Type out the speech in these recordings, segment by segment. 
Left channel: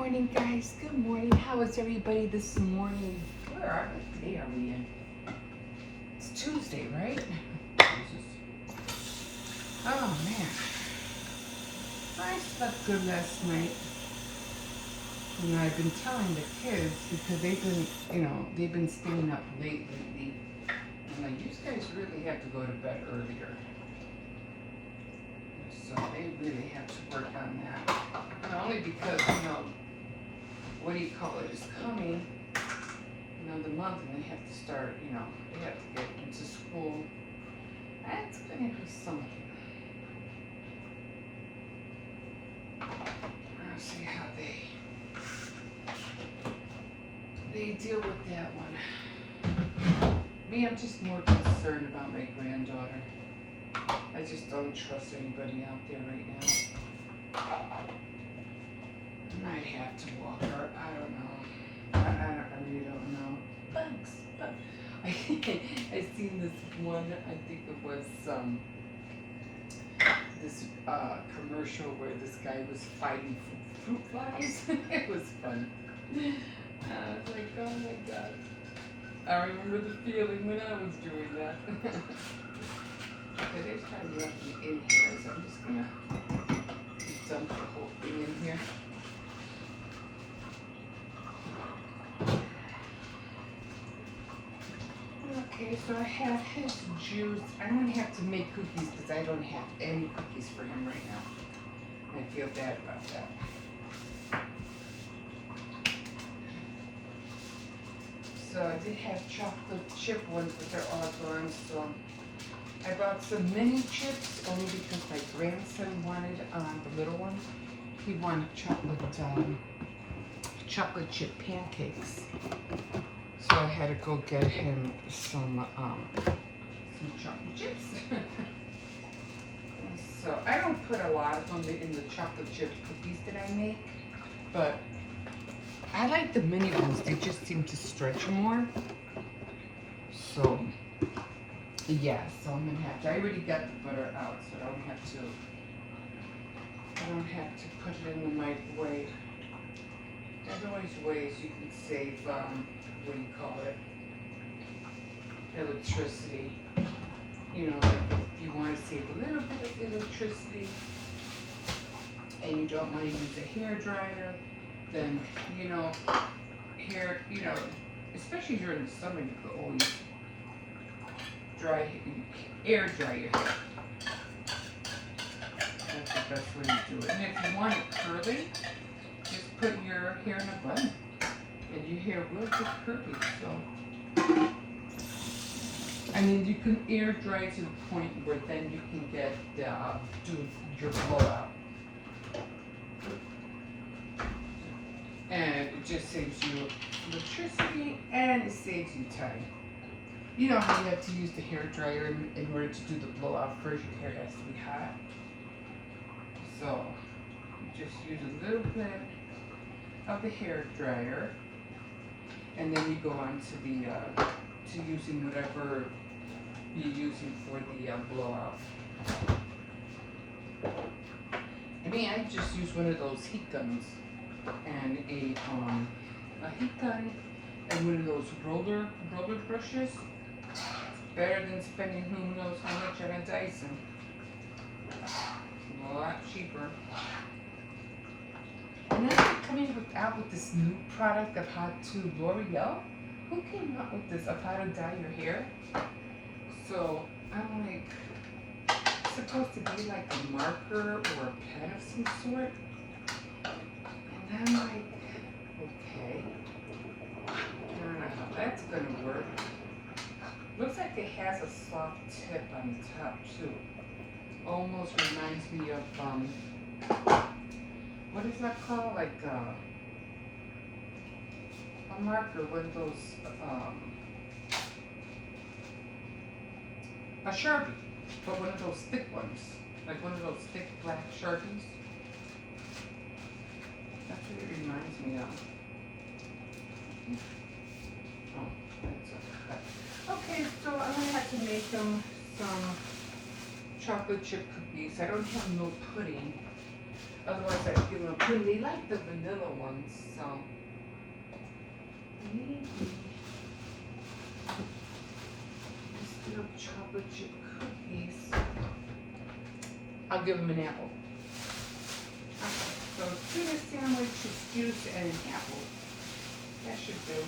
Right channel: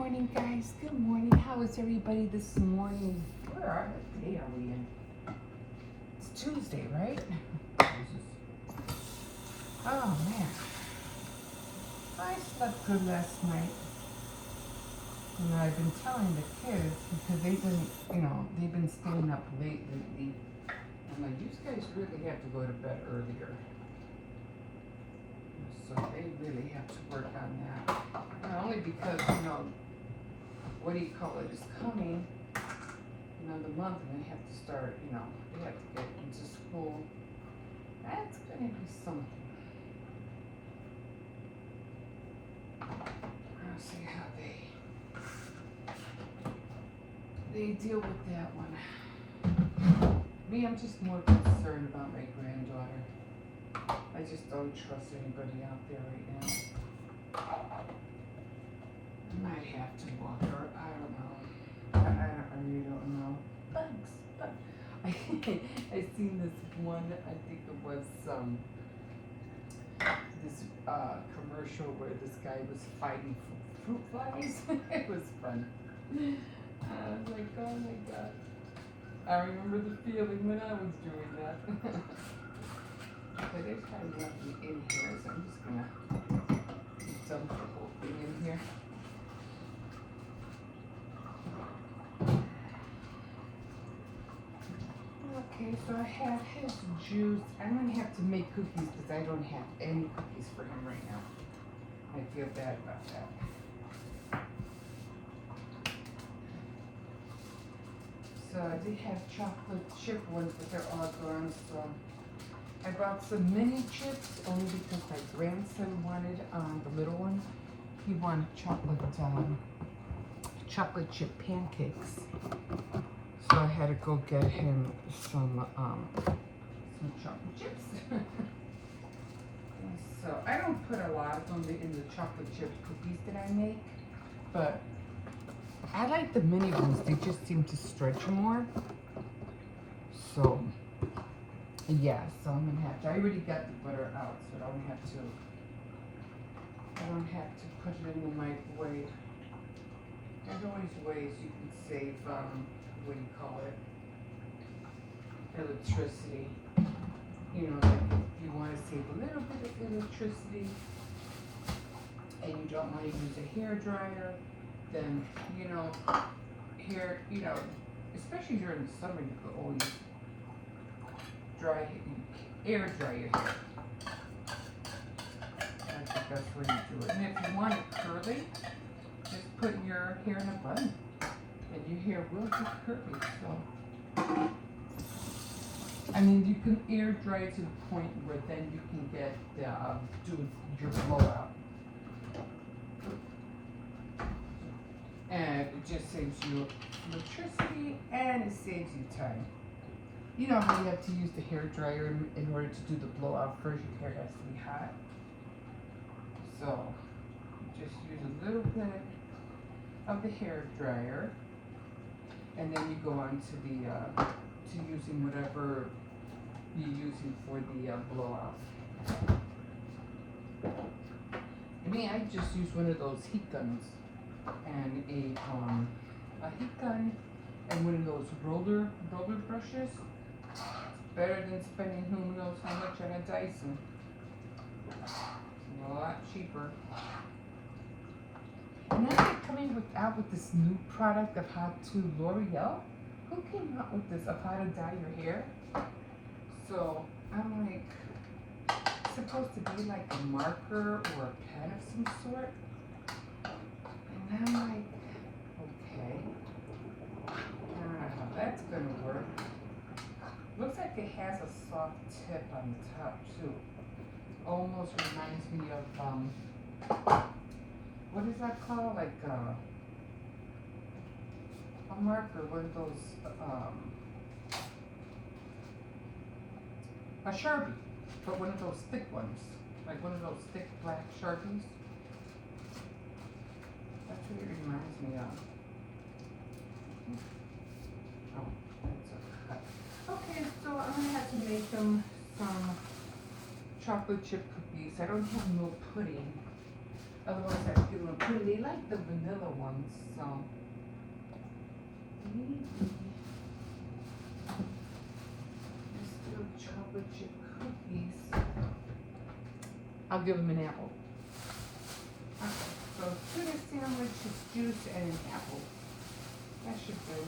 morning, guys. Good morning. How is everybody this morning? Where are we? What day are we in? It's Tuesday, right? Oh, man. I slept good last night. You know, I've been telling the kids because they've been staying up late lately. I'm like, you guys really have to go to bed earlier. So they really have to work on that. And only because, what do you call it, is coming, the month, and they have to start, they have to get into school. That's going to be something. I'll see how they deal with that one. Me, I'm just more concerned about my granddaughter. I just don't trust anybody out there right now. I might have to walk her. I don't know. I really don't know. Bugs. I seen this one. I think it was this commercial where this guy was fighting fruit flies. It was fun. I was like, oh my god. I remember the feeling when I was doing that. Okay, there's kind of nothing in here, so I'm just gonna dump the whole thing in here. Okay, so I have his juice. I don't have to make cookies because I don't have any cookies for him right now. I feel bad about that. So I did have chocolate chip ones, but they're all gone, so I bought some mini chips only because my grandson wanted, the little one, he wanted chocolate chip pancakes. So I had to go get him some chocolate chips. So I don't put a lot of them in the chocolate chip cookies that I make, but I like the mini ones. They just seem to stretch more. So yeah, so I'm gonna have to. I already got the butter out, so I don't have to put it in the microwave. There's always ways you can save, what do you call it? Electricity. If you want to save a little bit of electricity and you don't want to use a hair dryer, then, especially during the summer, you could always air dry your hair. That's the best way to do it. And if you want it curly, just put your hair in a bun, and your hair will get curly. So, you can air dry to the point where then you can do your blowout. And it just saves you electricity and it saves you time. You know how you have to use the hair dryer in order to do the blowout. First, your hair has to be hot. So, just use a little bit of the hair dryer, and then you go on to using whatever you're using for the blowout. I just use one of those heat guns and a heat gun and one of those roller brushes. It's better than spending who knows how much on a Dyson. It's a lot cheaper. And then they're coming out with this new product of how to L'Oreal. Who came up with this of how to dye your hair? So I'm like, it's supposed to be like a marker or a pen of some sort. And I'm like, okay. I don't know how that's gonna work. Looks like it has a soft tip on the top too. Almost reminds me of what is that called? Like a marker, one of those a Sharpie, but one of those thick ones, like one of those thick black Sharpies. That's what it reminds me of. Oh, that's okay. Okay, so I'm gonna have to make them some chocolate chip cookies. I don't have no pudding. Otherwise, I'd give them a pudding. They like the vanilla ones. this little chocolate chip cookies. I'll give him an apple. Okay, so tuna sandwich, excuse, and an apple. That should do.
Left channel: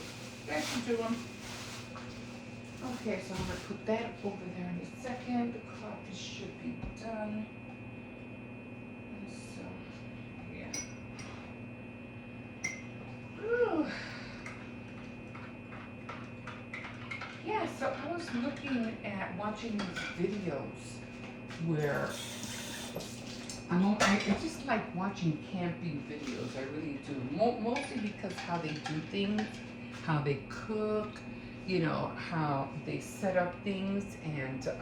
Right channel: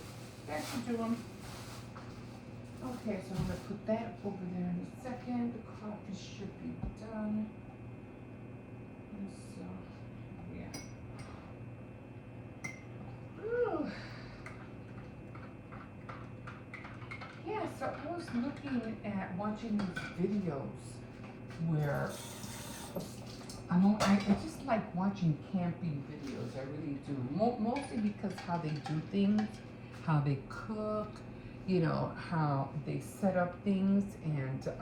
That should do them. Okay, so I'm gonna put that over there in a second. The coffee should be done. And so, yeah. Ooh. Yeah, so I was looking at watching these videos where I just like watching camping videos. I really do. Mostly because how they do things, how they cook, you know, how they set up things, and so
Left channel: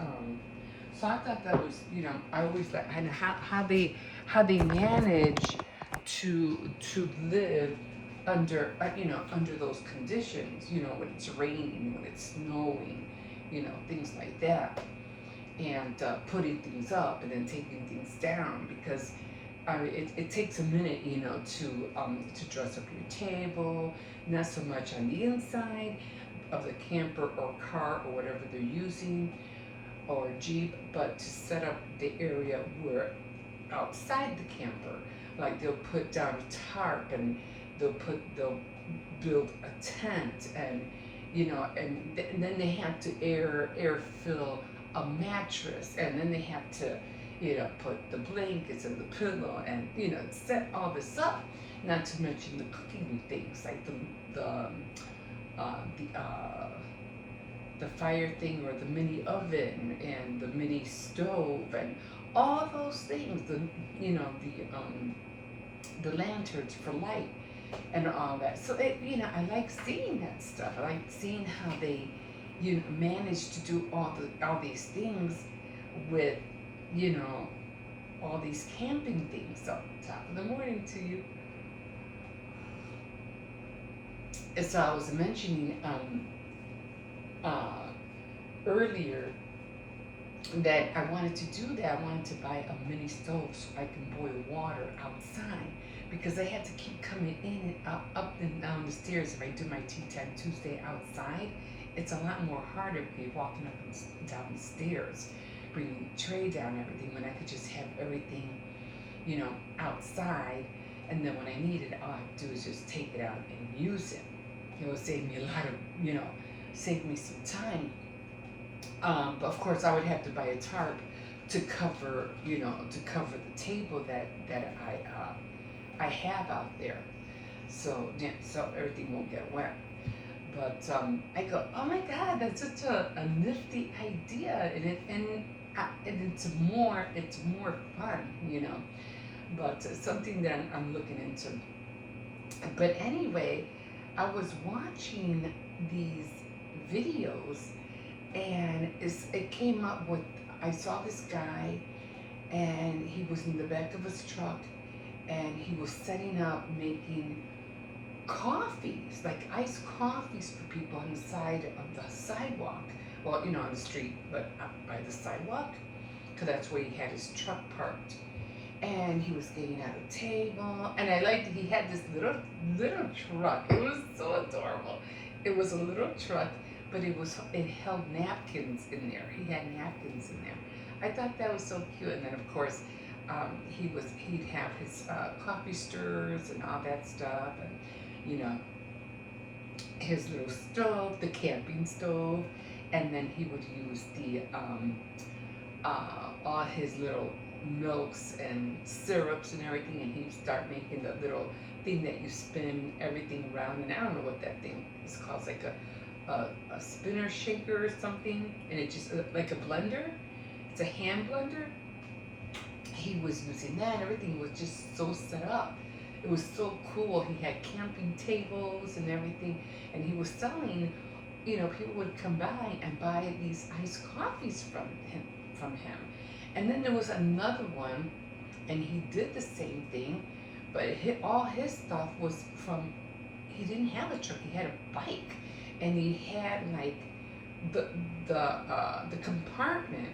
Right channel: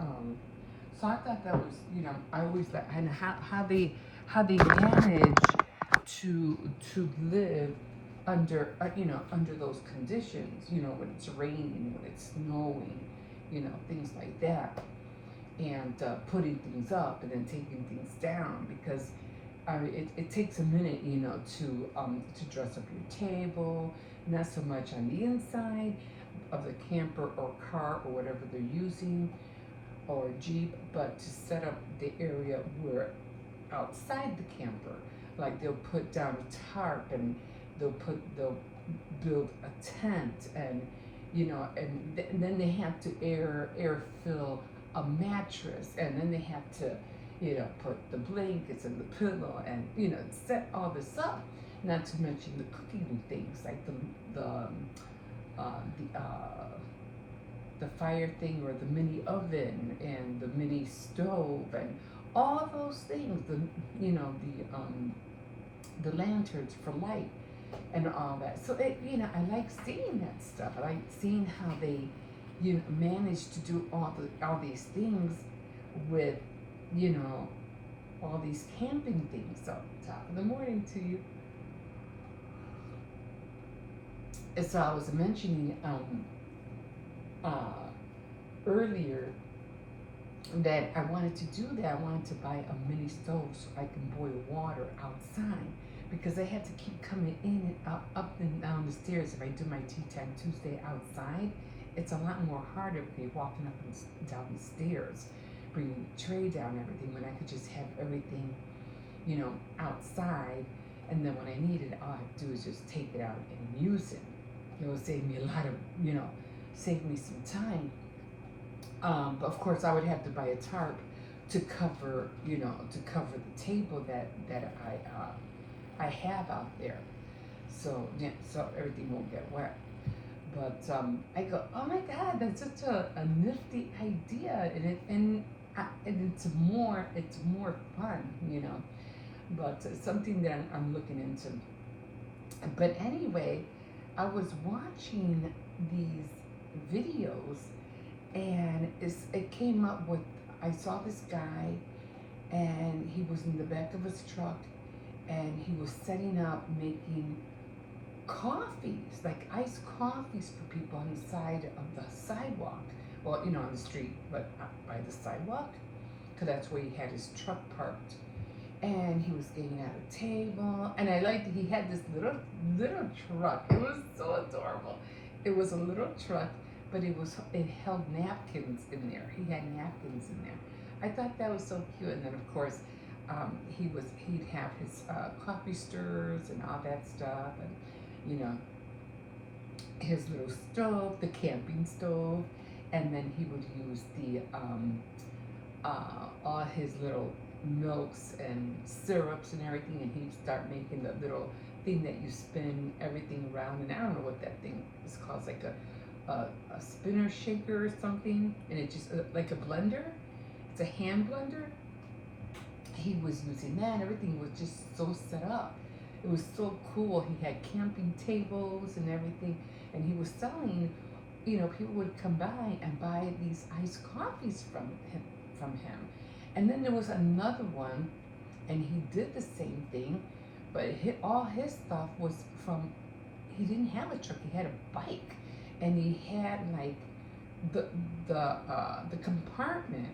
I thought that was, you know, I always like and how they manage to live under you know, under those conditions, you know, when it's raining, when it's snowing, you know, things like that, and putting things up and then taking things down, because it takes a minute, you know, to dress up your table, not so much on the inside of the camper or car or whatever they're using, or Jeep, but to set up the area where outside the camper, like they'll put down a tarp, and they'll build a tent, and you know, and then they have to air fill a mattress, and then they have to, you know, put the blankets and the pillow, and you know, set all this up. Not to mention the cooking things like the fire thing, or the mini oven and the mini stove, and all those things. The, you know, the lanterns for light and all that. So you know, I like seeing that stuff. I like seeing how they, you know, manage to do all these things with, you know, all these camping things. So top of the morning to you. And so I was mentioning earlier that I wanted to do that. I wanted to buy a mini stove so I can boil water outside, because I had to keep coming in and up and down the stairs. If I do my Tea Time Tuesday outside, it's a lot more harder if you're walking up and down the stairs, bringing the tray down, everything, when I could just have everything, you know, outside, and then when I need it, all I have to do is just take it out and use it. It will save me a lot of, you know, save me some time. But of course, I would have to buy a tarp to cover, you know, to cover the table that I have out there, so yeah, so everything won't get wet. But I go, oh my God, that's such a nifty idea, and it's more fun, you know. But something that I'm looking into. But anyway, I was watching these videos, and it came up with, I saw this guy, and he was in the back of his truck, and he was setting up making coffees, like iced coffees for people on the side of the sidewalk. Well, you know, on the street, but up by the sidewalk, because that's where he had his truck parked. And he was getting out a table, and I liked, he had this little truck. It was so adorable. It was a little truck, but it held napkins in there. He had napkins in there. I thought that was so cute. And then of course, he'd have his coffee stirrers and all that stuff, and you know, his little stove, the camping stove, and then he would use all his little milks and syrups and everything, and he'd start making the little thing that you spin everything around, and I don't know what that thing is called, like a spinner shaker or something, and it just like a blender. It's a hand blender. He was using that, and everything was just so set up. It was so cool. He had camping tables and everything, and he was selling. You know, people would come by and buy these iced coffees from him. And then there was another one, and he did the same thing, but all his stuff was from. He didn't have a truck. He had a bike, and he had like the compartment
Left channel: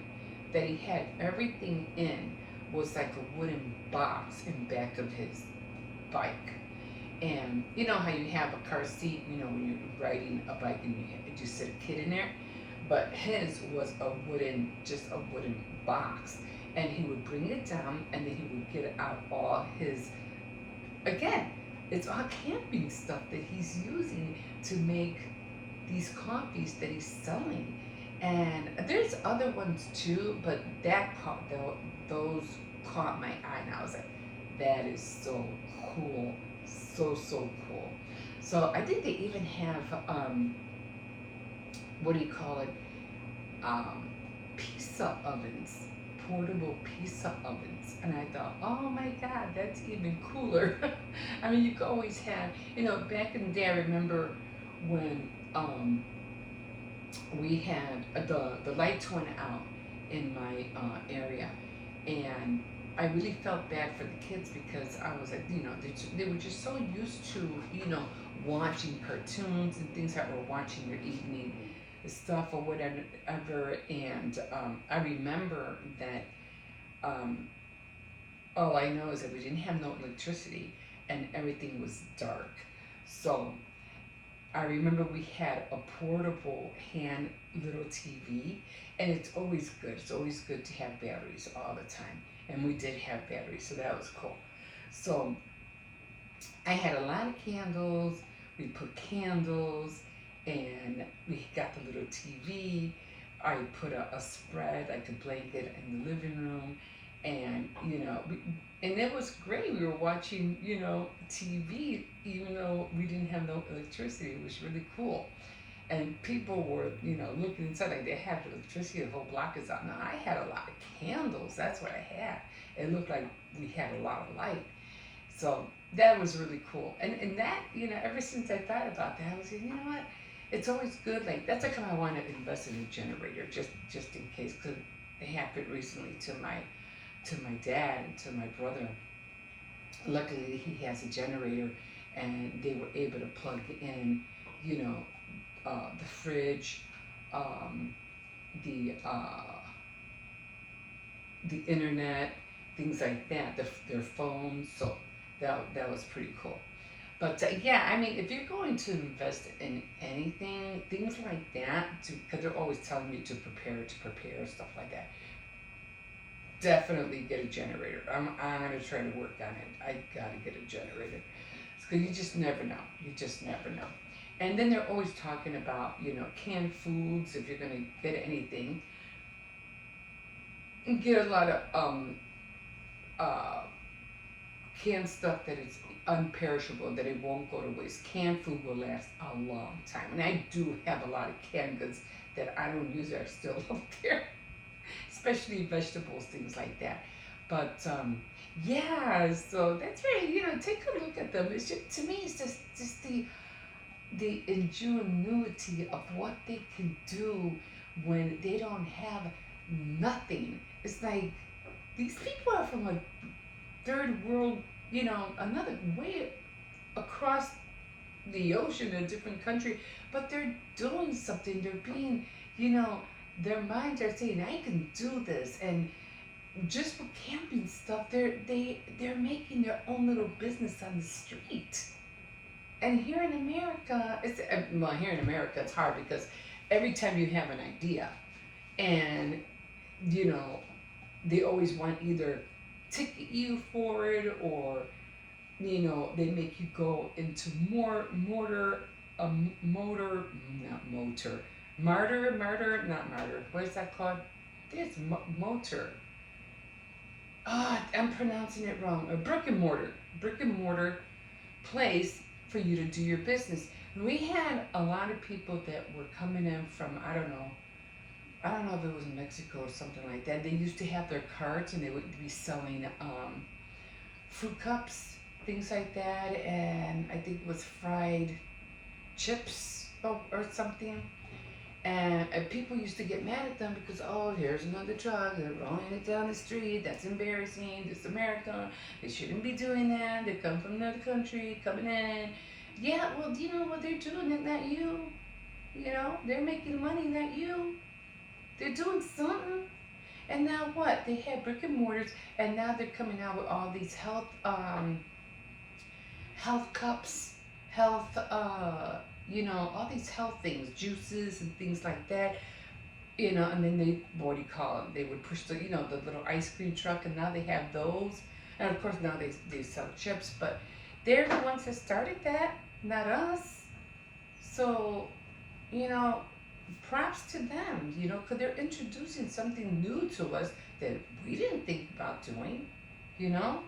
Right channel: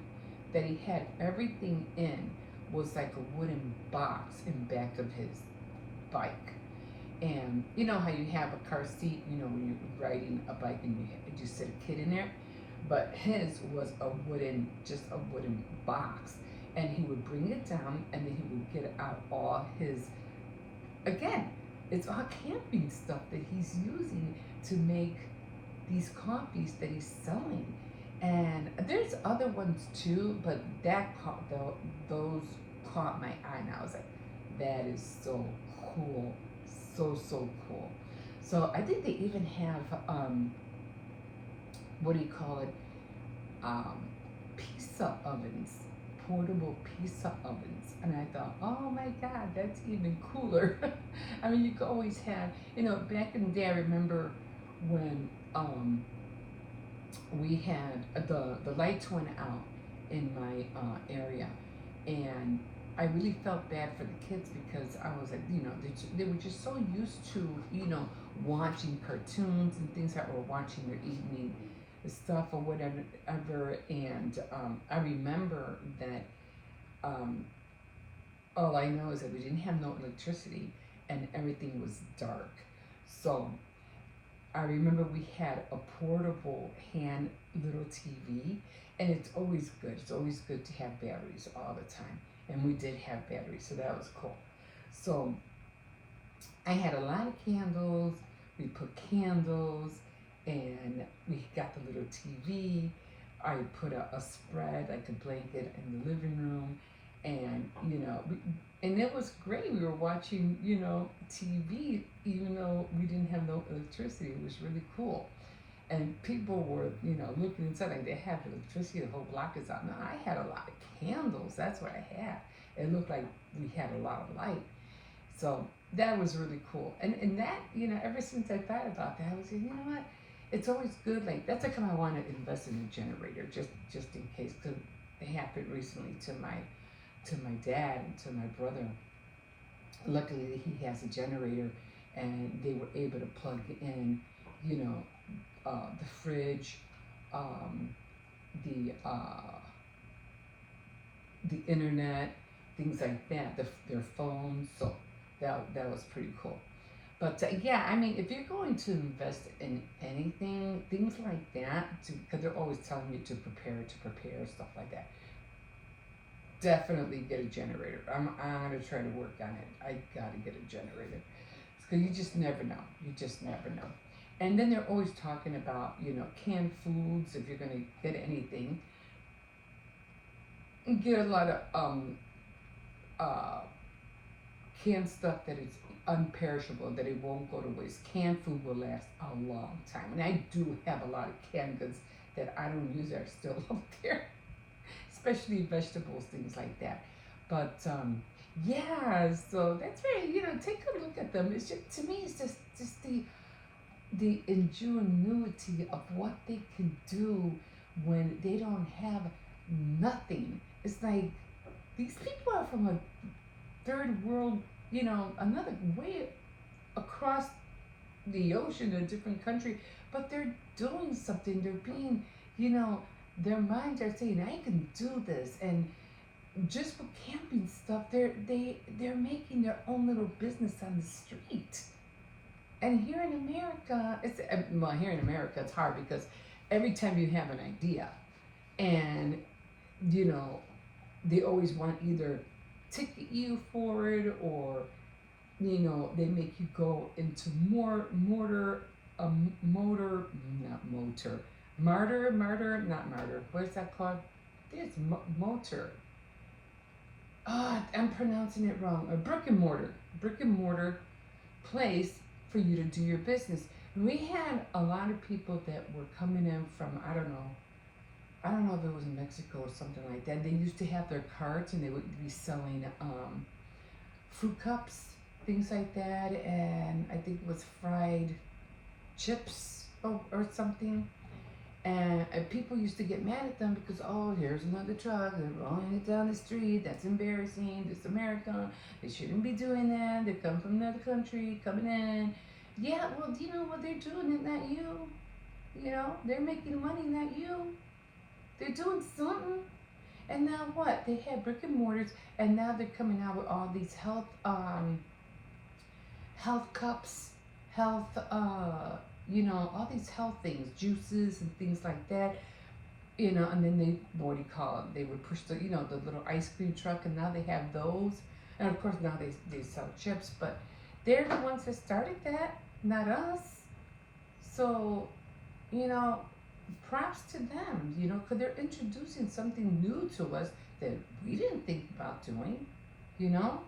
that he had everything in was like a wooden box in back of his bike, and You know how you have a car seat, you know, when you're riding a bike and you just sit a kid in there? But his was just a wooden box. And he would bring it down and then he would get out all his, again, it's all camping stuff that he's using to make these coffees that he's selling. And there's other ones too, but those caught my eye, and I was like, that is so cool, so cool. So I think they even have what do you call it? Um, Pizza ovens, portable pizza ovens, and I thought, oh my God, that's even cooler. I mean, you could always have, you know, back in the day, I remember when we had the lights went out in my area, and I really felt bad for the kids because I was like, you know, they were just so used to, you know, watching cartoons and things that were watching their evening stuff or whatever. And I remember that um, all I know is that we didn't have no electricity and everything was dark. So I remember we had a portable hand little TV, and it's always good. It's always good to have batteries all the time, and we did have batteries, so that was cool. So I had a lot of candles. We put candles, and we got the little TV. I put a spread, like a blanket, in the living room, and you know, and it was great. We were watching, you know, TV, even though we didn't have no electricity. It was really cool, and people were, you know, looking inside like they have electricity. The whole block is out. Now I had a lot of candles. That's what I had. It looked like we had a lot of light. So that was really cool. And that, you know, ever since I thought about that, I was like, you know what? It's always good. Like that's like how I want to invest in a generator, just in case. Because it happened recently to my dad and to my brother. Luckily, he has a generator, and they were able to plug in, you know, the fridge, um, the the internet, things like that, their phones. So that was pretty cool. But yeah, I mean, if you're going to invest in anything, things like that, because they're always telling you to prepare, stuff like that. Definitely get a generator. I'm gonna try to work on it. I gotta get a generator because you just never know. You just never know. And then they're always talking about, you know, canned foods. If you're gonna get anything, and get a lot of uh, canned stuff that is unperishable, that it won't go to waste. Canned food will last a long time, and I do have a lot of canned goods that I don't use that are still up there, especially vegetables, things like that. But yeah, so that's very, you know, take a look at them. It's just, to me, it's just the ingenuity of what they can do when they don't have nothing. It's like these people are from a third world, you know, another way across the ocean, a different country, but they're doing something. They're being, you know, their minds are saying, I can do this. And just for camping stuff, they're making their own little business on the street. And here in America, well, here in America, it's hard because every time you have an idea, and you know, they always want either ticket you for it, or you know, they make you go into motor, not motor, not martyr. What is that called? I think it's motor. I'm pronouncing it wrong. A brick and mortar place for you to do your business. And we had a lot of people that were coming in from, I don't know if it was Mexico or something like that. They used to have their carts and they would be selling fruit cups, things like that, and I think it was fried chips or something. And people used to get mad at them because, oh, here's another truck, they're rolling it down the street, that's embarrassing, this America, they shouldn't be doing that, they come from another country, coming in. Yeah, well, you know what they're doing, is not you. You know, they're making money, not you. They're doing something. And now what? They had brick and mortars, and now they're coming out with all these health cups health, all these health things, juices and things like that. And then they, what do you call them? They would push the little ice cream truck, and now they have those. And of course now they sell chips, but they're the ones that started that, not us. So, you know, props to them, because they're introducing something new to us that we didn't think about doing, you know?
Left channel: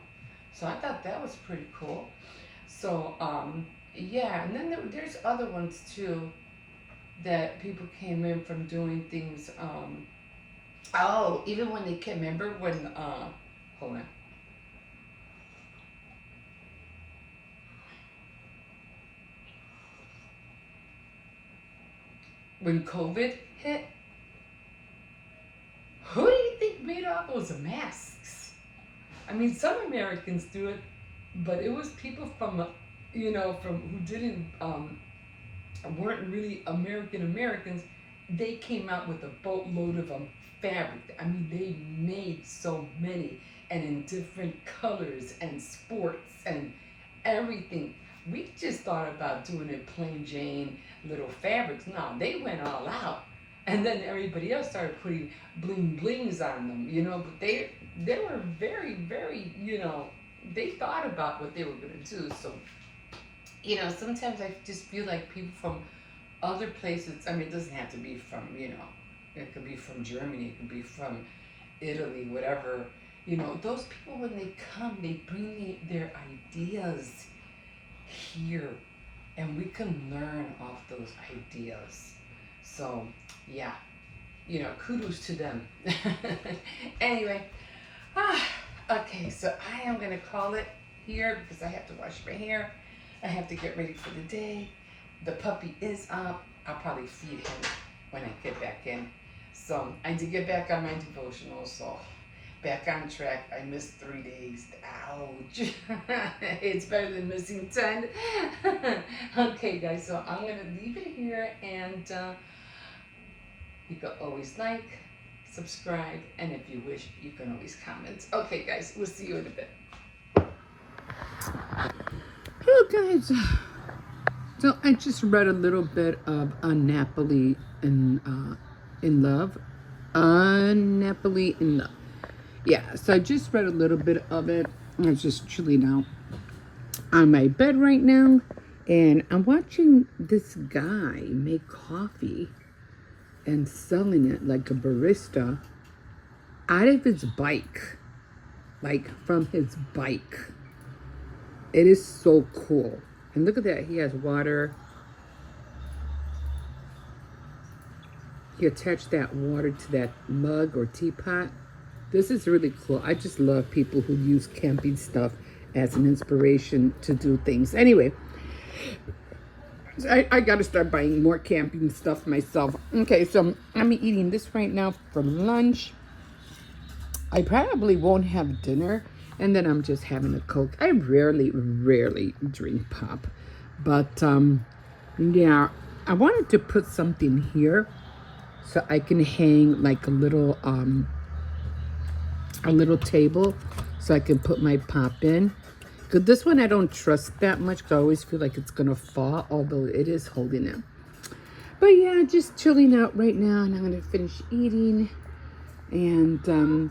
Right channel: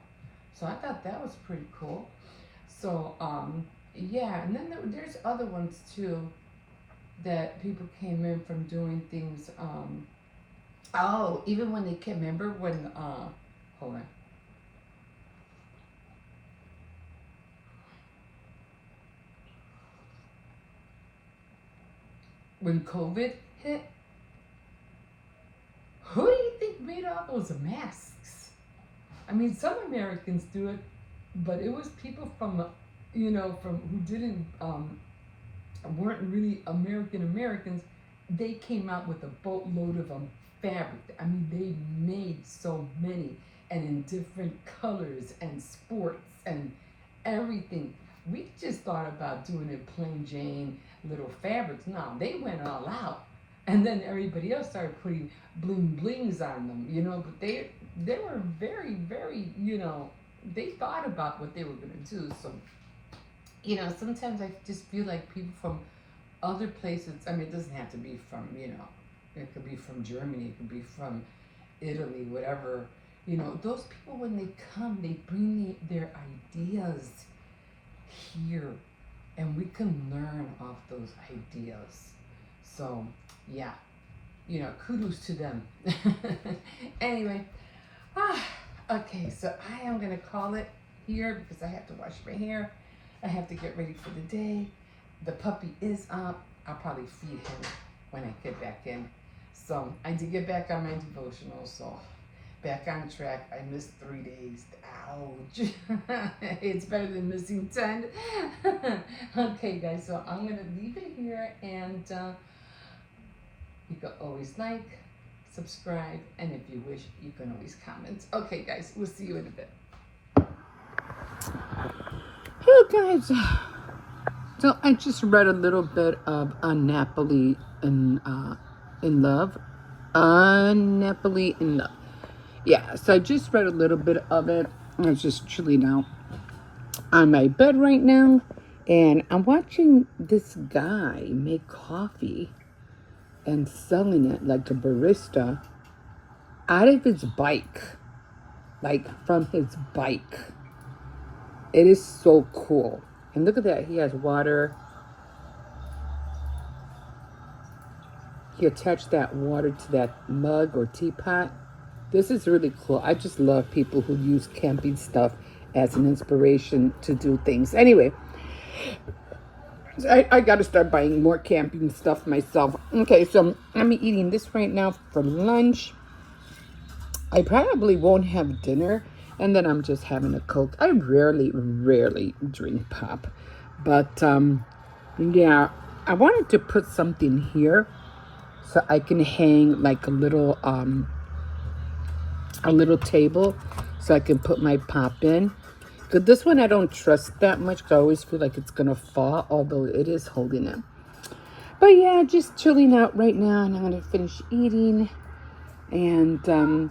So I thought that was pretty cool. So, yeah, and then there's other ones too that people came in from doing things. Oh, even when they came, remember when, hold on. When COVID hit, who do you think made all those masks? I mean, some Americans do it, but it was people from who didn't, weren't really Americans. They came out with a boatload of fabric. I mean, they made so many, and in different colors and sports and everything. We just thought about doing it plain Jane little fabrics. No, they went all out, and then everybody else started putting bling blings on them. But they were very very. They thought about what they were gonna do. So sometimes I just feel like people from other places. I mean, it doesn't have to be from it could be from Germany, it could be from Italy, whatever. Those people, when they come, they bring their ideas here, and we can learn off those ideas. So, yeah, kudos to them. Anyway, okay, so I am going to call it here because I have to wash my hair. I have to get ready for the day. The puppy is up. I'll probably feed him when I get back in. So I did get back on my devotional, so back on track. I missed 3 days. Ouch. It's better than missing 10. Okay, guys, so I'm going to leave it here, and you can always like, subscribe, and if you wish, you can always comment. Okay, guys, we'll see you in a bit. Hey, guys. So I just read a little bit of Napoli in Love. Napoli in Love. Yeah, so I just read a little bit of it. I was just chilling out on my bed right now, and I'm watching this guy make coffee and selling it like a barista out of his bike, like from his bike. It is so cool. And look at that, he has water. He attached that water to that mug or teapot. This is really cool. I just love people who use camping stuff as an inspiration to do things. Anyway, I got to start buying more camping stuff myself. Okay, so I'm eating this right now for lunch. I probably won't have dinner, and then I'm just having a Coke. I rarely drink pop. But, yeah, I wanted to put something here so I can hang like a little table so I can put my pop in. Because this one I don't trust that much because I always feel like it's going to fall, although it is holding it. But yeah, just chilling out right now, and I'm going to finish eating. And then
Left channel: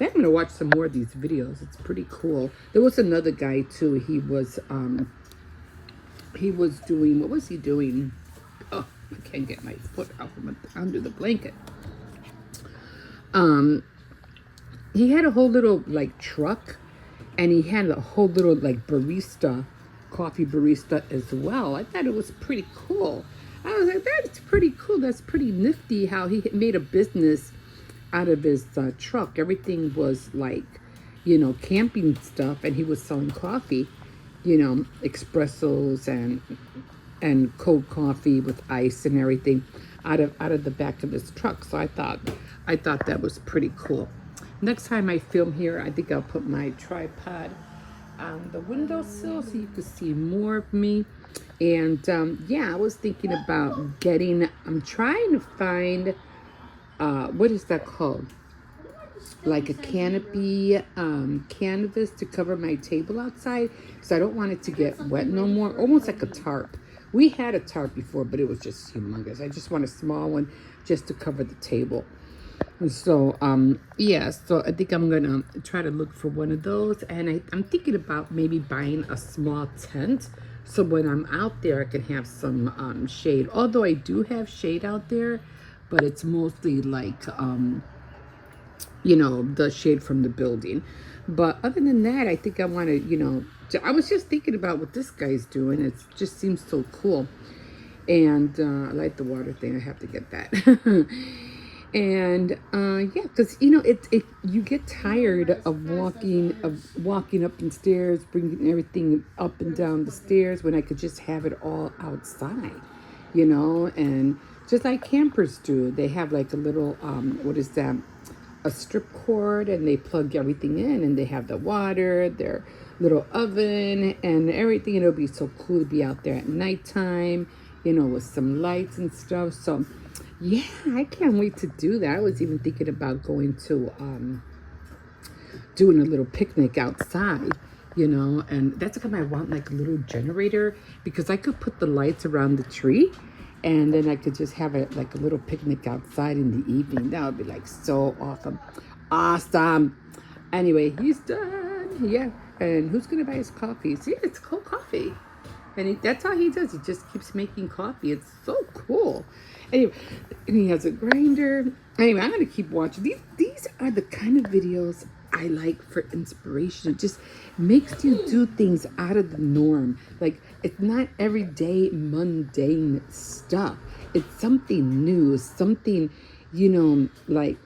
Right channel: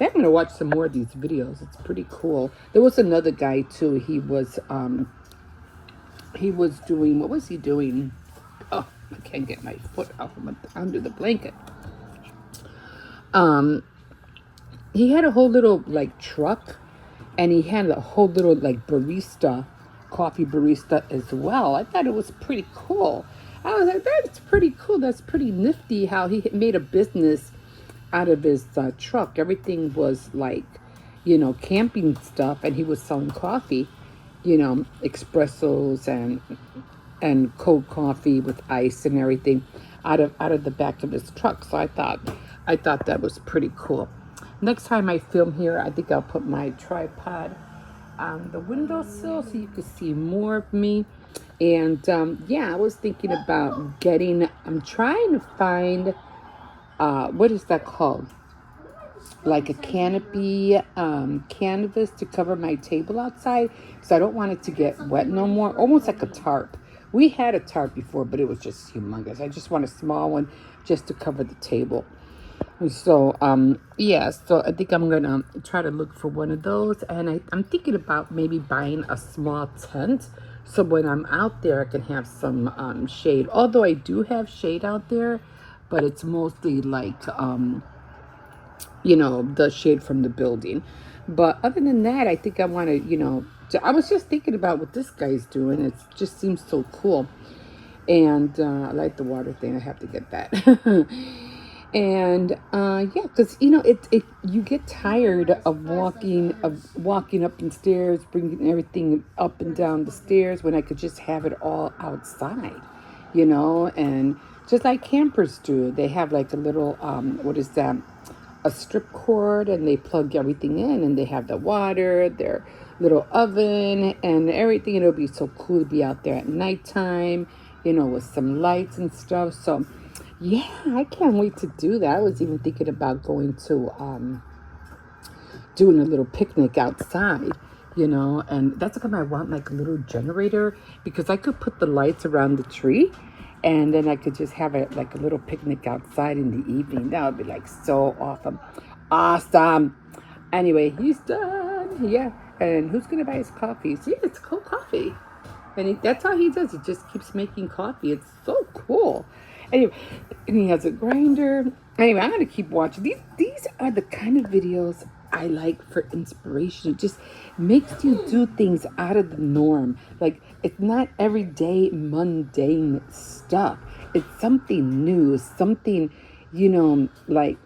I'm going to watch some more of these videos. It's pretty cool. There was another guy too. He was doing, what was he doing? Oh, I can't get my foot out from under the blanket. He had a whole little like truck, and he had a whole little like coffee barista as well. I thought it was pretty cool. I was like, that's pretty cool. That's pretty nifty how he made a business out of his truck. Everything was like, camping stuff, and he was selling coffee, espressos and cold coffee with ice and everything out of the back of his truck. So I thought that was pretty cool. Next time I film here, I think I'll put my tripod on the windowsill so you can see more of me. And yeah, I was thinking about I'm trying to find, what is that called? like a canopy canvas to cover my table outside because I don't want it to get wet no more. Almost like a tarp. We had a tarp before, but it was just humongous. I just want a small one just to cover the table. So yeah, so I think I'm gonna try to look for one of those, and I'm thinking about maybe buying a small tent so when I'm out there I can have some shade. Although I do have shade out there, but it's mostly like you know, the shade from the building. But other than that, I think I want to, you know, I was just thinking about what this guy's doing. It just seems so cool. And I like the water thing. I have to get that. And yeah, because you know, it you get tired of walking up the stairs, bringing everything up and down the stairs when I could just have it all outside, you know. And just like campers do, they have like a little what is that? A strip cord, and they plug everything in, and they have the water, their little oven, and everything. It'll be so cool to be out there at nighttime, you know, with some lights and stuff. So yeah, I can't wait to do that. I was even thinking about going to doing a little picnic outside, you know. And that's because I want like a little generator, because I could put the lights around the tree, and then I could just have it like a little picnic outside in the evening. That would be like so awesome. Awesome. Anyway, he's done. Yeah. And who's going to buy his coffee? See, it's cold coffee. And that's all he does. He just keeps making coffee. It's so cool. Anyway, and he has a grinder. Anyway, I'm going to keep watching. These are the kind of videos I like for inspiration. It just makes you do things out of the norm. Like, it's not everyday mundane stuff. It's something new, something, you know, like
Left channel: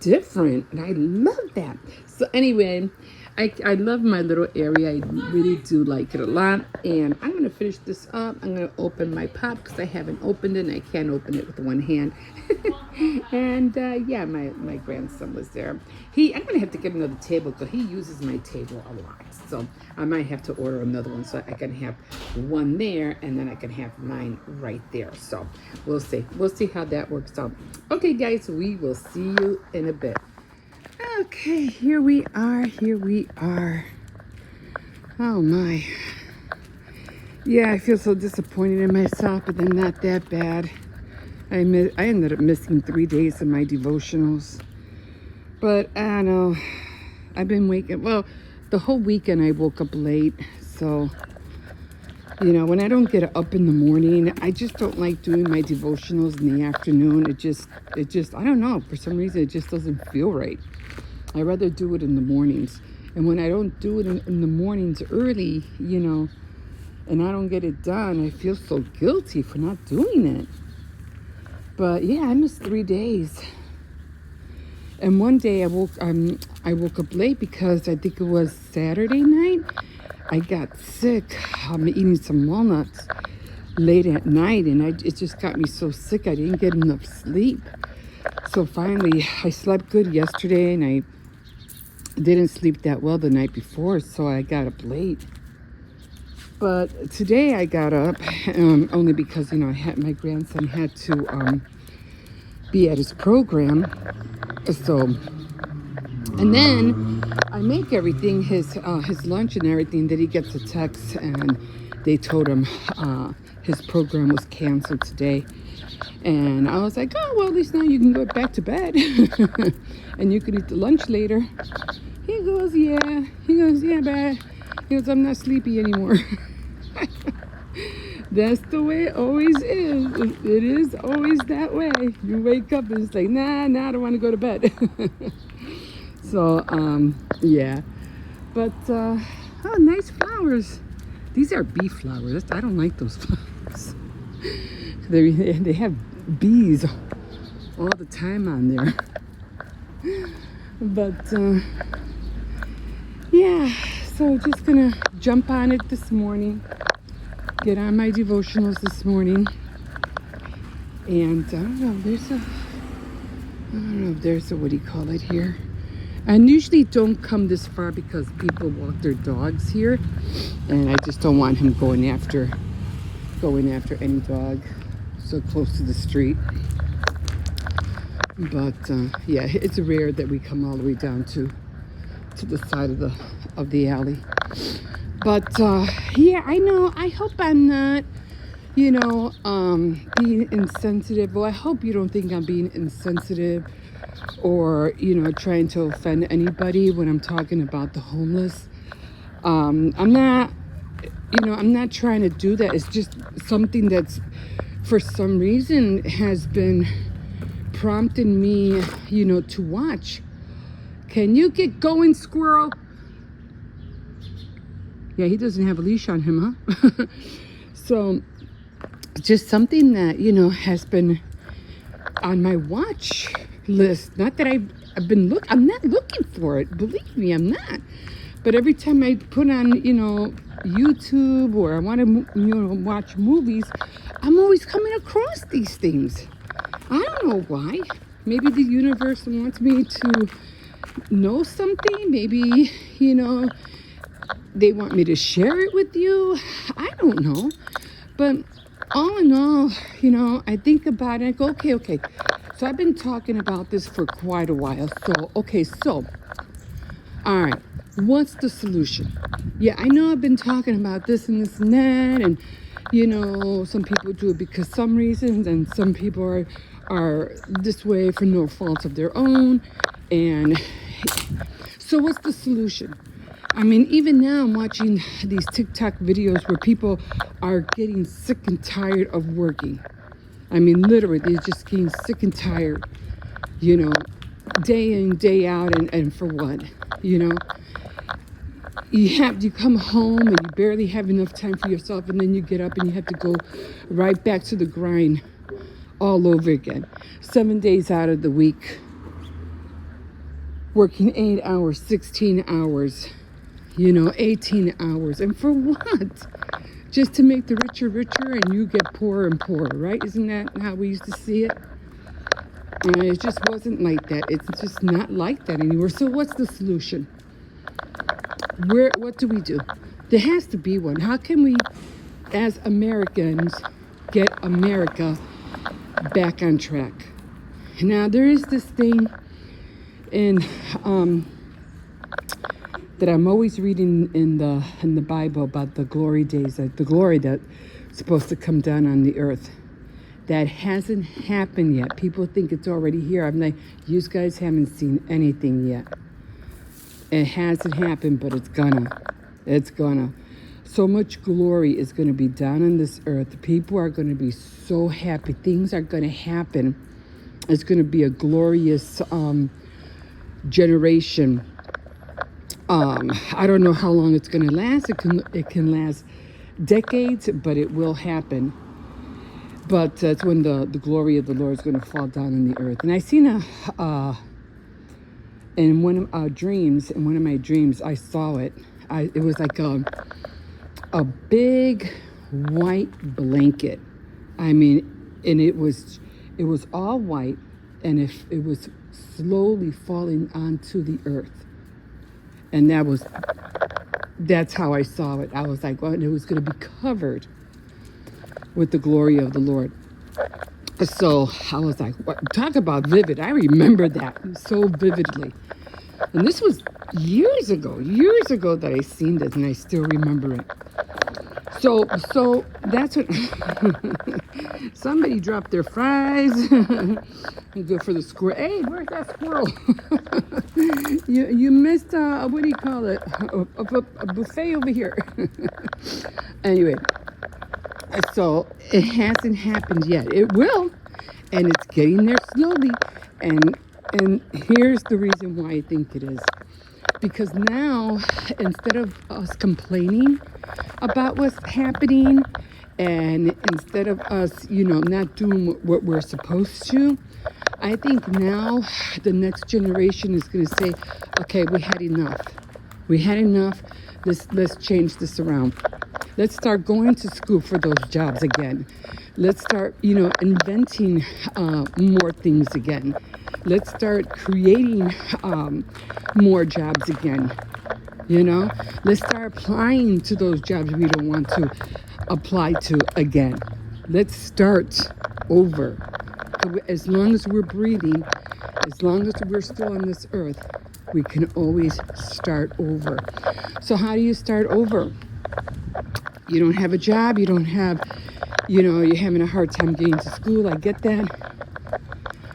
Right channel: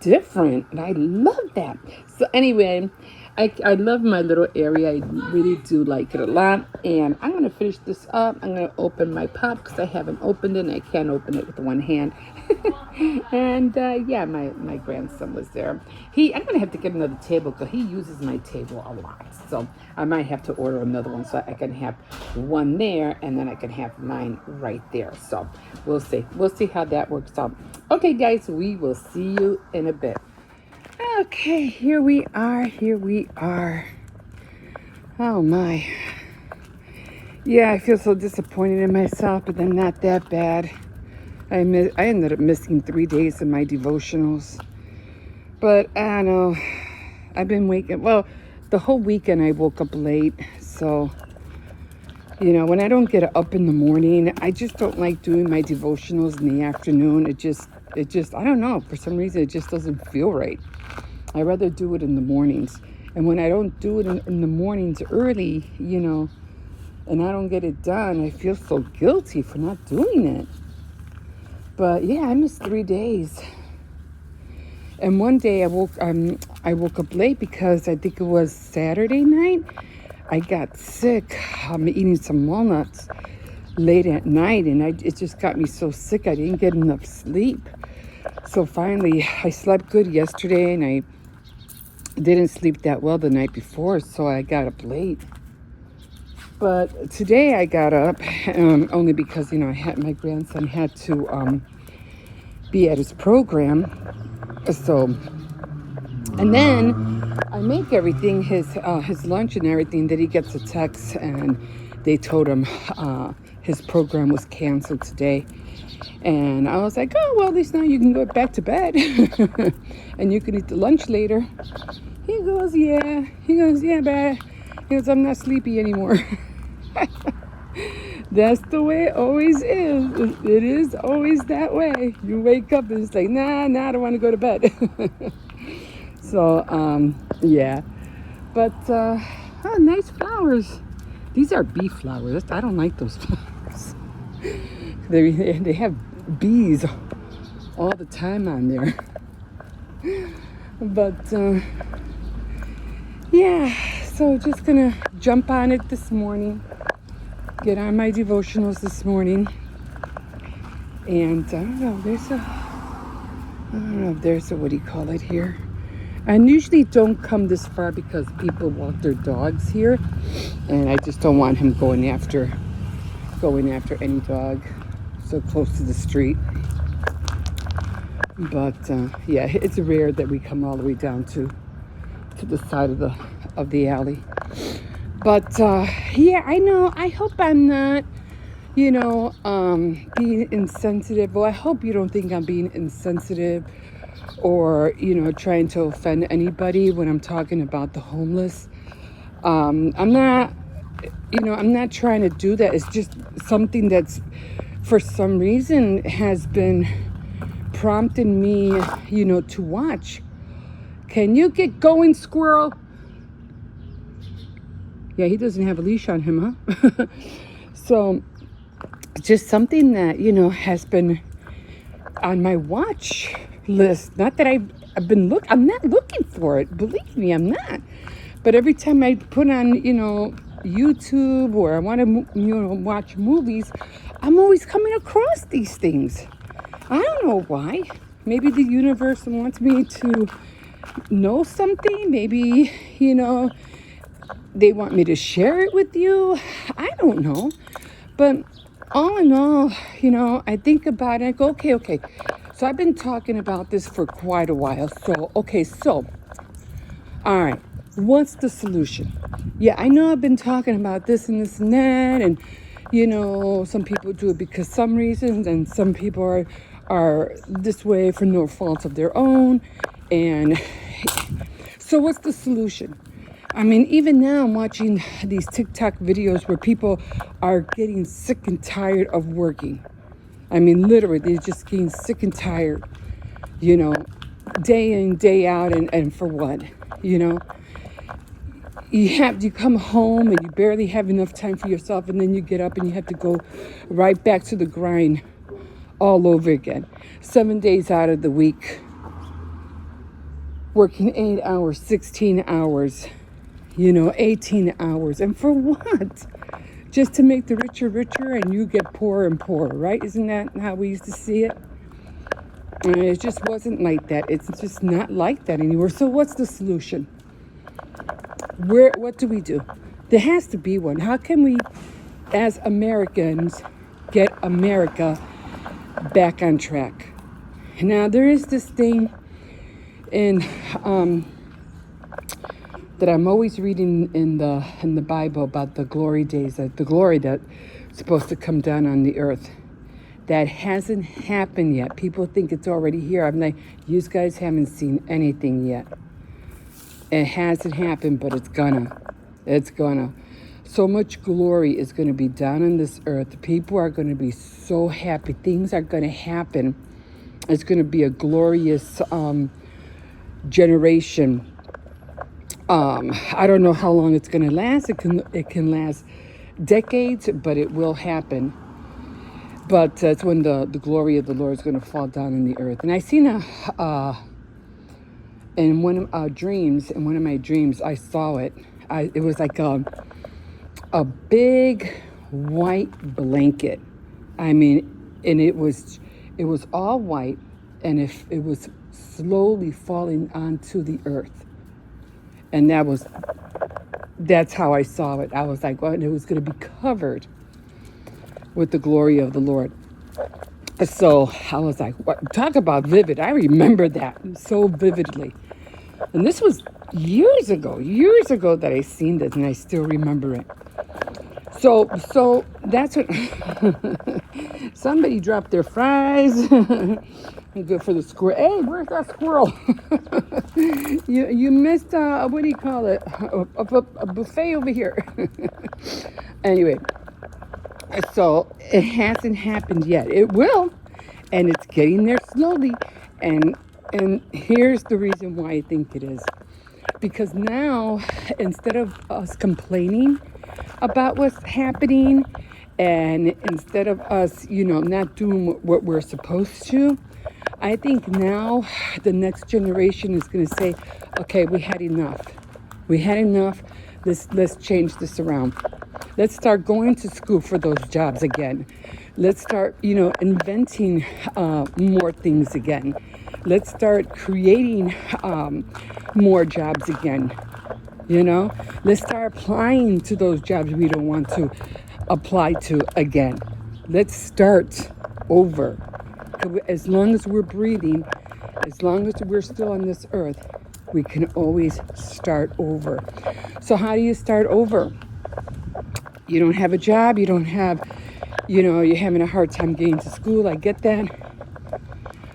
different. And I love that. So anyway, I love my little area. I really do like it a lot. And I'm going to finish this up. I'm going to open my pop because I haven't opened it and I can't open it with one hand. And yeah, my grandson was there. I'm going to have to get another table because he uses my table a lot. So I might have to order another one so I can have one there and then I can have mine right there. So we'll see. We'll see how that works out. Okay, guys, we will see you in a bit. Okay, here we are. Here we are. Oh my. Yeah, I feel so disappointed in myself, but then not that bad. I ended up missing 3 days of my devotionals. But I don't know. I've been waking, well, the whole weekend I woke up late. So, you know, when I don't get up in the morning, I just don't like doing my devotionals in the afternoon. It just, I don't know. For some reason, it just doesn't feel right. I rather do it in the mornings. And when I don't do it in the mornings early, you know, and I don't get it done, I feel so guilty for not doing it. But yeah, I missed 3 days. And one day I woke up late because I think it was Saturday night. I got sick. I'm eating some walnuts late at night, and it just got me so sick. I didn't get enough sleep. So finally, I slept good yesterday, and I didn't sleep that well the night before, so I got up late. But today I got up only because, you know, my grandson had to be at his program. So, and then I make everything, his lunch and everything, that he gets a text and they told him his program was canceled today. And I was like, oh, well, at least now you can go back to bed and you can eat the lunch later. He goes, yeah. He goes, yeah, Dad. He goes, I'm not sleepy anymore. That's the way it always is. It is always that way. You wake up and it's like, nah, I don't want to go to bed. So, yeah. But, oh, nice flowers. These are bee flowers. I don't like those flowers. They have bees all the time on there. But, yeah. So just gonna jump on it this morning. Get on my devotionals this morning. And I don't know if there's a, what do you call it here? I usually don't come this far because people walk their dogs here. And I just don't want him going after any dog so close to the street. But yeah, it's rare that we come all the way down to the side of the alley. But yeah, I know. I hope I'm not, being insensitive. Well, I hope you don't think I'm being insensitive or trying to offend anybody when I'm talking about the homeless. I'm not, I'm not trying to do that. It's just something that's for some reason has been prompting me, to watch. Can you get going, squirrel? Yeah, he doesn't have a leash on him, huh? So just something that, has been on my watch list. Not that I'm not looking for it. Believe me, I'm not. But every time I put on, YouTube or I want to, watch movies, I'm always coming across these things. I don't know why. Maybe the universe wants me to know something. Maybe, they want me to share it with you. I don't know. But all in all, I think about it. I go, okay. So I've been talking about this for quite a while. So, all right. What's the solution? Yeah, I know I've been talking about this and this and that. And, some people do it because some reasons. And some people are this way for no fault of their own. And so what's the solution? I mean, even now I'm watching these TikTok videos where people are getting sick and tired of working. I mean, literally, they're just getting sick and tired, day in, day out, and for what? You come home and you barely have enough time for yourself, and then you get up and you have to go right back to the grind all over again. 7 days out of the week, working 8 hours, 16 hours, 18 hours. And for what? Just to make the richer and you get poorer and poorer, right? Isn't that how we used to see it? And it just wasn't like that. It's just not like that anymore. So what's the solution? What do we do? There has to be one. How can we, as Americans, get America back on track? Now, there is this thing in that I'm always reading in the Bible about the glory days, the glory that's supposed to come down on the earth. That hasn't happened yet. People think it's already here. I'm like, you guys haven't seen anything yet. It hasn't happened, but it's gonna. It's gonna. So much glory is gonna be down on this earth. People are gonna be so happy. Things are gonna happen. It's gonna be a glorious generation. I don't know how long it's going to last. It can last decades, but it will happen. But that's when the glory of the Lord is going to fall down on the earth. And I seen in one of my dreams, I saw it. It was like a big white blanket. I mean, and it was all white, and if it was slowly falling onto the earth. And that's how I saw it. I was like, well, it was going to be covered with the glory of the Lord. So I was like, what? Talk about vivid. I remember that so vividly. And this was years ago that I seen this, and I still remember it. So that's what somebody dropped their fries. Good for the squirrel. Hey, where's that squirrel? you missed what do you call it? A buffet over here. Anyway, so it hasn't happened yet. It will, and it's getting there slowly. And here's the reason why I think it is. Because now, instead of us complaining about what's happening, and instead of us, not doing what we're supposed to, I think now the next generation is going to say, okay, we had enough. Let's change this around. Let's start going to school for those jobs again. Let's start, inventing more things again. Let's start creating more jobs again. Let's start applying to those jobs we don't want to apply to again. Let's start over. As long as we're breathing, As long as we're still on this earth, we can always start over. So how do you start over? You don't have a job, you don't have, you're having a hard time getting to school. I get that.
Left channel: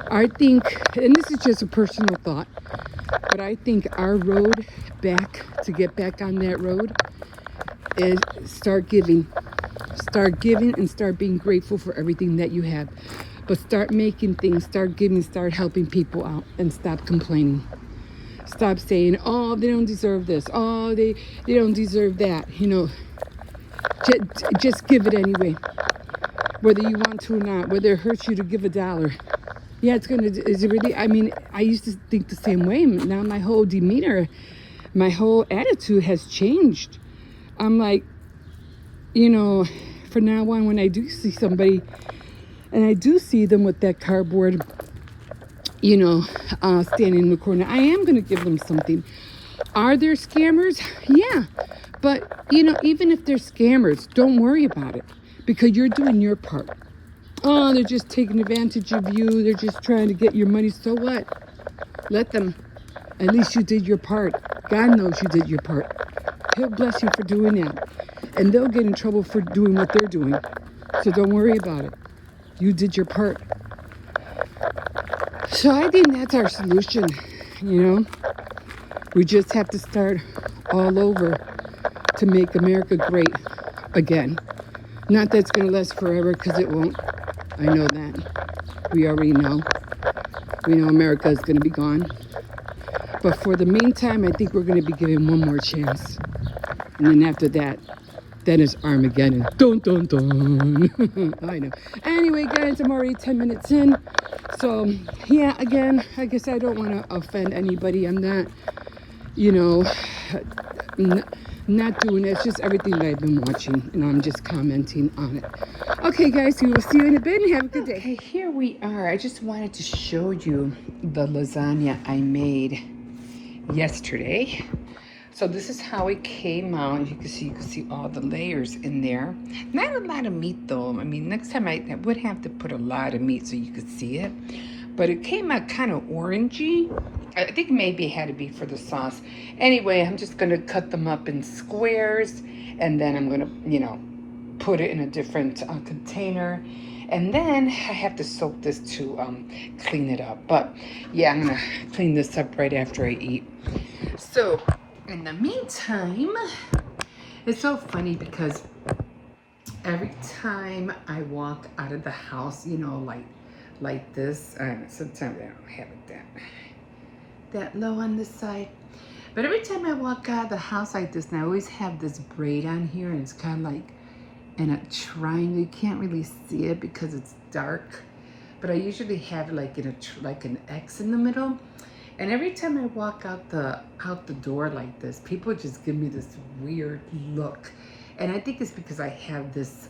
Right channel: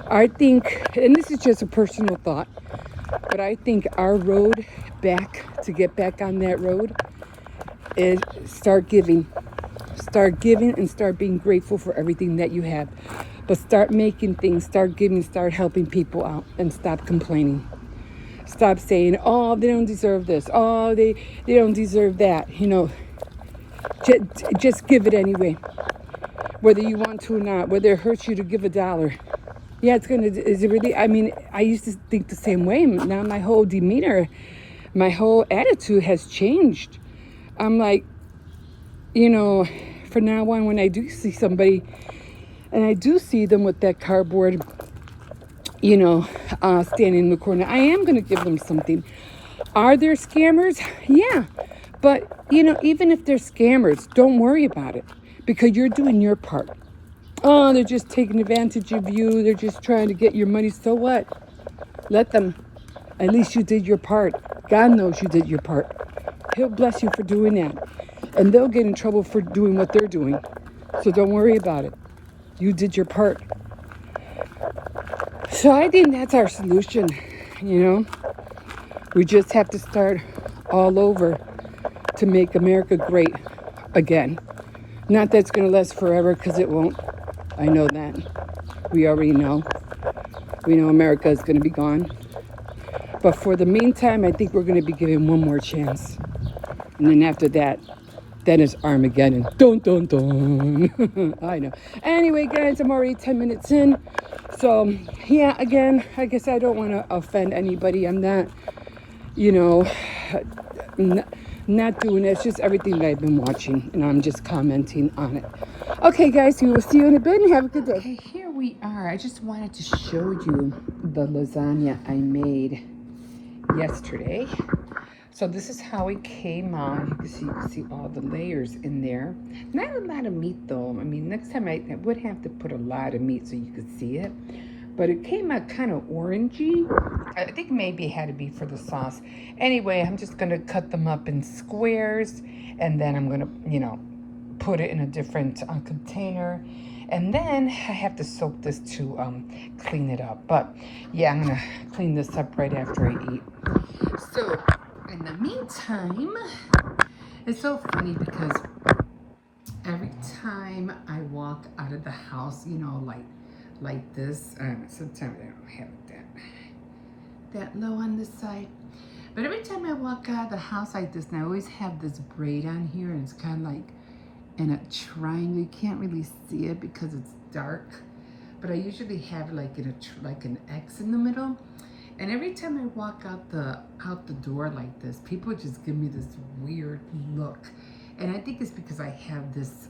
I think, and this is just a personal thought, but I think our road back, to get back on that road, is start giving. Start giving and start being grateful for everything that you have. But start making things, start giving, start helping people out, and stop complaining. Stop saying, oh, they don't deserve this. Oh, they don't deserve that. Just give it anyway. Whether you want to or not, whether it hurts you to give $1. Yeah, is it really, I used to think the same way. Now my whole demeanor, my whole attitude has changed. I'm like, from now on, when I do see somebody, and I do see them with that cardboard, standing in the corner, I am going to give them something. Are there scammers? Yeah. But, even if they're scammers, don't worry about it, because you're doing your part. Oh, they're just taking advantage of you. They're just trying to get your money. So what? Let them. At least you did your part. God knows you did your part. He'll bless you for doing that. And they'll get in trouble for doing what they're doing. So don't worry about it. You did your part. So I think that's our solution, We just have to start all over to make America great again. Not that it's going to last forever, because it won't. I know that. We already know. We know America is going to be gone. But for the meantime, I think we're going to be given one more chance. And then after that, then it's Armageddon. Dun, dun, dun. I know. Anyway, guys, I'm already 10 minutes in. So, yeah, again, I guess I don't want to offend anybody. I'm not, not doing it. It's just everything that I've been watching, and I'm just commenting on it. Okay, guys, we will see you in a bit, and have a good day. Okay, here we are. I just wanted to show you the lasagna I made yesterday. So this is how it came out. You can see all the layers in there. Not a lot of meat though. Next time I would have to put a lot of meat so you could see it. But it came out kind of orangey. I think maybe it had to be for the sauce. Anyway, I'm just gonna cut them up in squares, and then I'm gonna, put it in a different container. And then I have to soak this to clean it up. But yeah, I'm gonna clean this up right after I eat. So in the meantime, it's so funny because every time I walk out of the house, like this, sometimes I don't have it that low on this side, but every time I walk out of the house like this, and I always have this braid on here, and it's kind of like in a triangle. You can't really see it because it's dark, but I usually have like an X in the middle. And every time I walk out the door like this, people just give me this weird look. And I think it's because I have this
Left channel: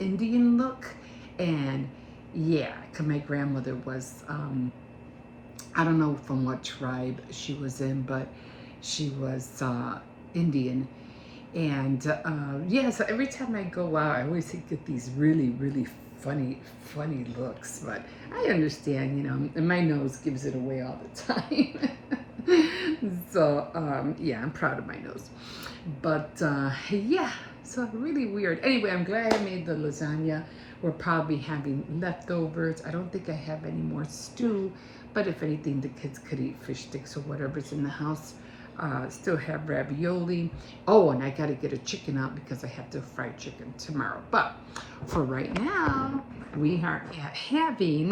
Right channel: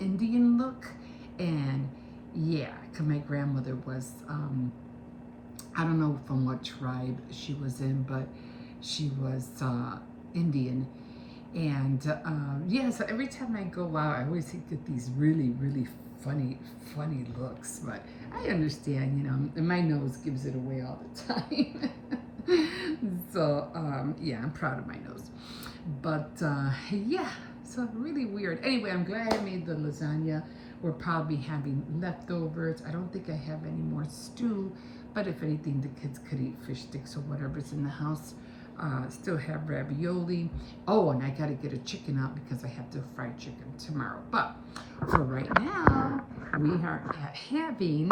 Indian look. And yeah, because my grandmother was, I don't know from what tribe she was in, but she was Indian. And yeah, so every time I go out, I always get these really, really funny looks. But I understand, and my nose gives it away all the time. So yeah, I'm proud of my nose. But yeah, so really weird. Anyway, I'm glad I made the lasagna. We're probably having leftovers. I don't think I have any more stew, but if anything, the kids could eat fish sticks or whatever's in the house. Still have ravioli. Oh, and I got to get a chicken out because I have to fry chicken tomorrow. But for right now, we are having,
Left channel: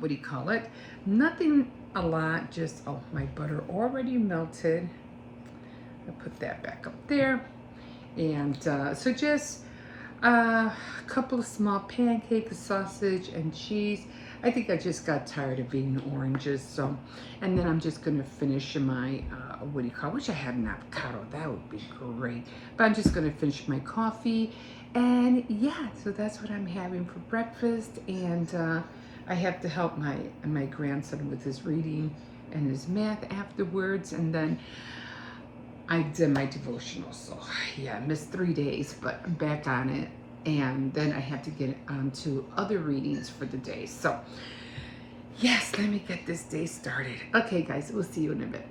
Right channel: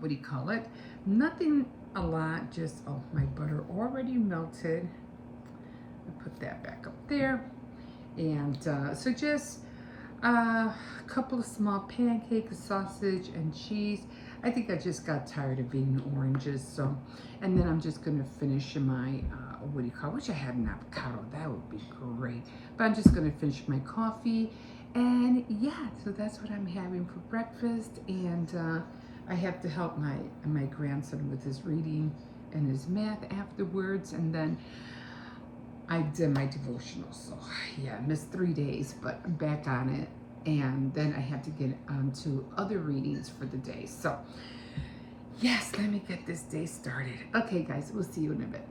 what do you call it? Nothing a lot, just, oh, my butter already melted. I'll put that back up there. And so just a couple of small pancakes, sausage, and cheese. I think I just got tired of eating oranges, so, and then I'm just gonna finish my, what do you call it? I wish I had an avocado, that would be great. But I'm just gonna finish my coffee, and yeah, so that's what I'm having for breakfast, and I have to help my grandson with his reading and his math afterwards, and then I did my devotional, so yeah, I missed 3 days, but I'm back on it. And then I have to get on to other readings for the day. So Yes, let me get this day started. Okay, guys, we'll see you in a bit.